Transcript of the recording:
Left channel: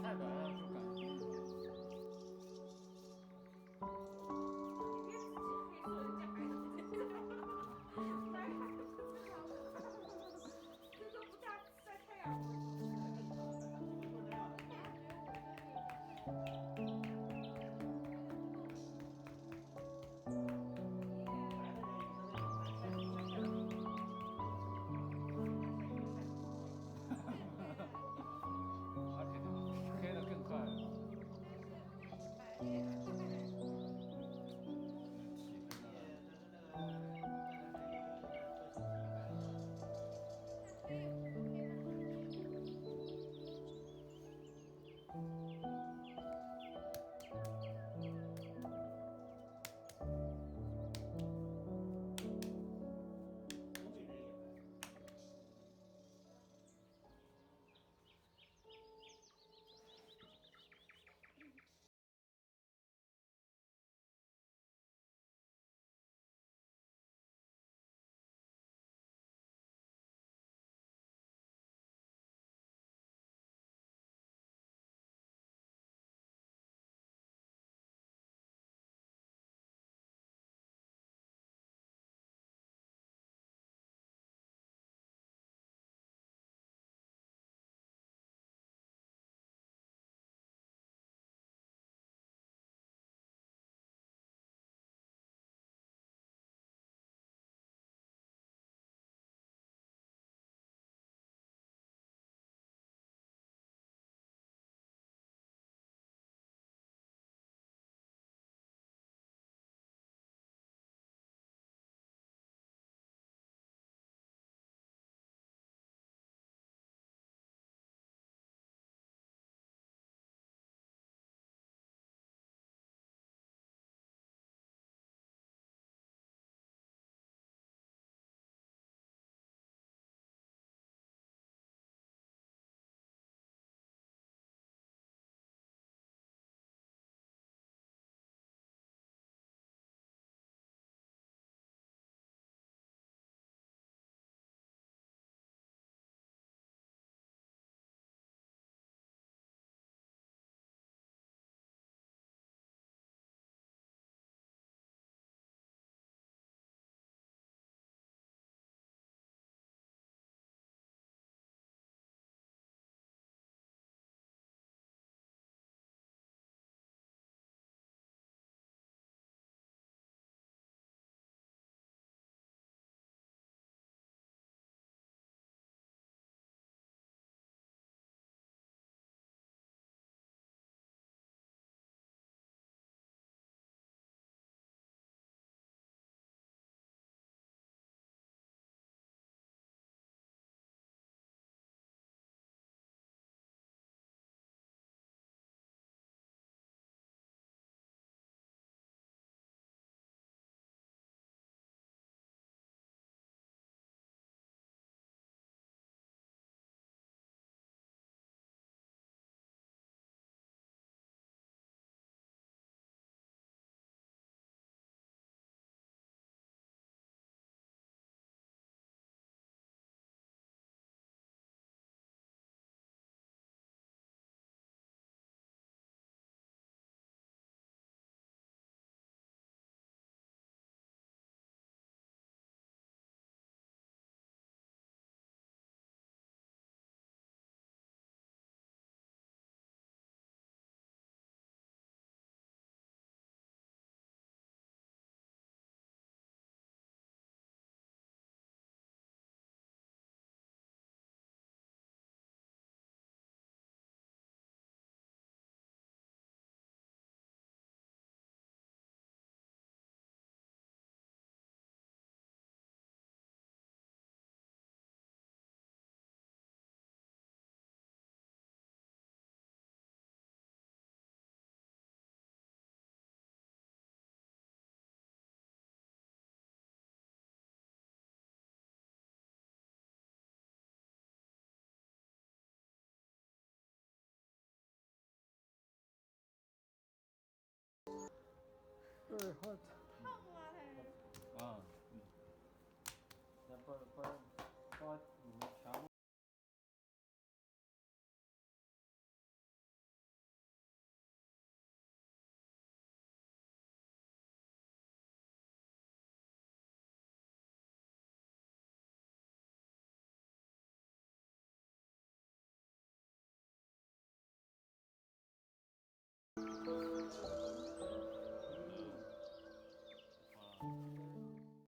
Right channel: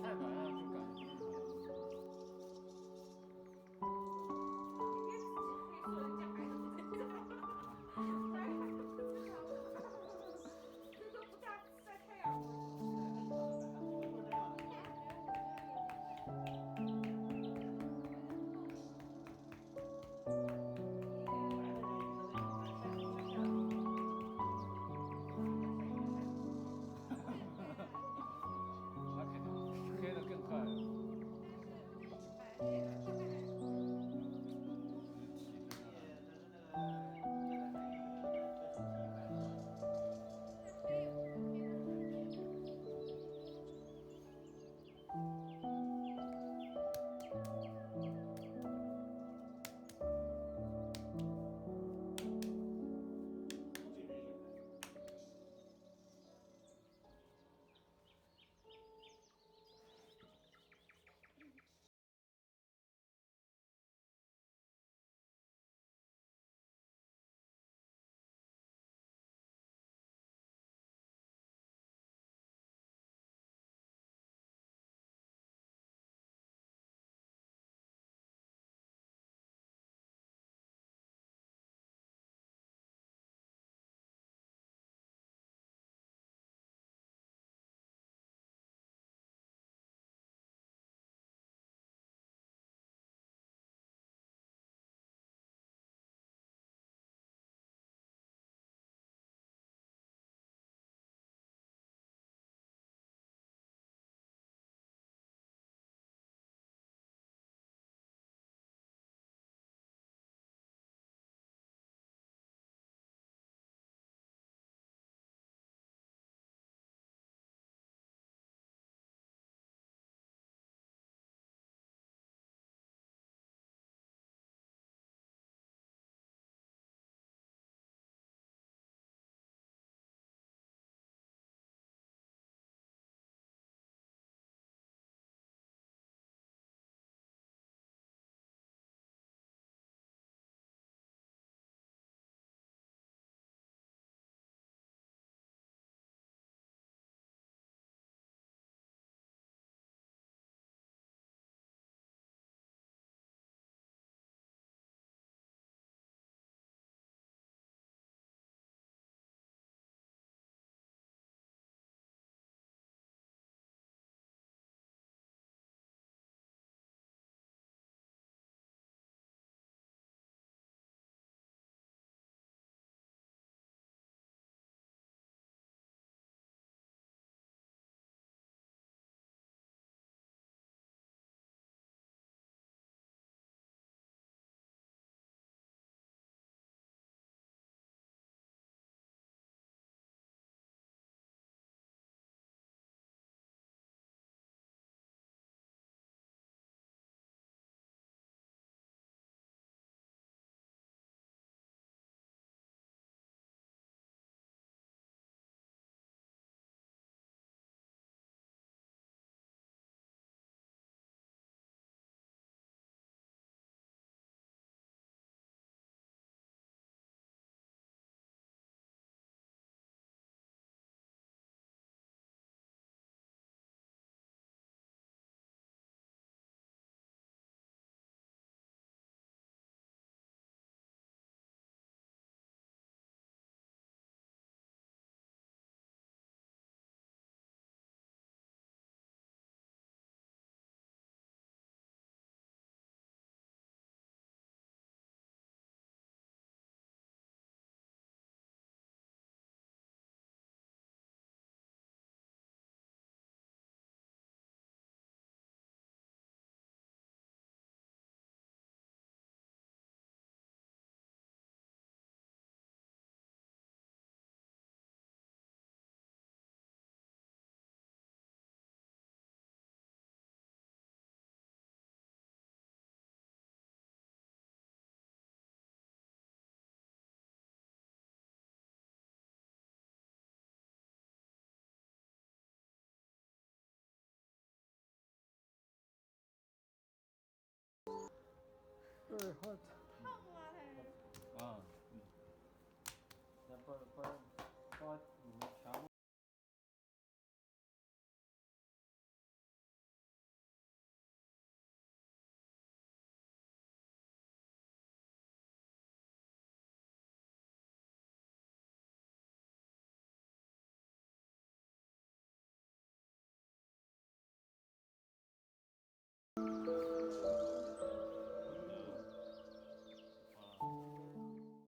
太白了就感觉不正常。你别自己黑，说人家白的不正常，白还不正常吗？这都不大晒太阳，我说。我觉得我这有点白，有点透了。白的耶，人有的那种他晒太阳有的人在晒鱼晒死了。我也黑了，你明显黑，那肯定黑的更快了，但是白的也快。起所以飞了。他说那个这段时间又有的说天气白了。但黑也不会黑到哪去。东北人也白。对，好。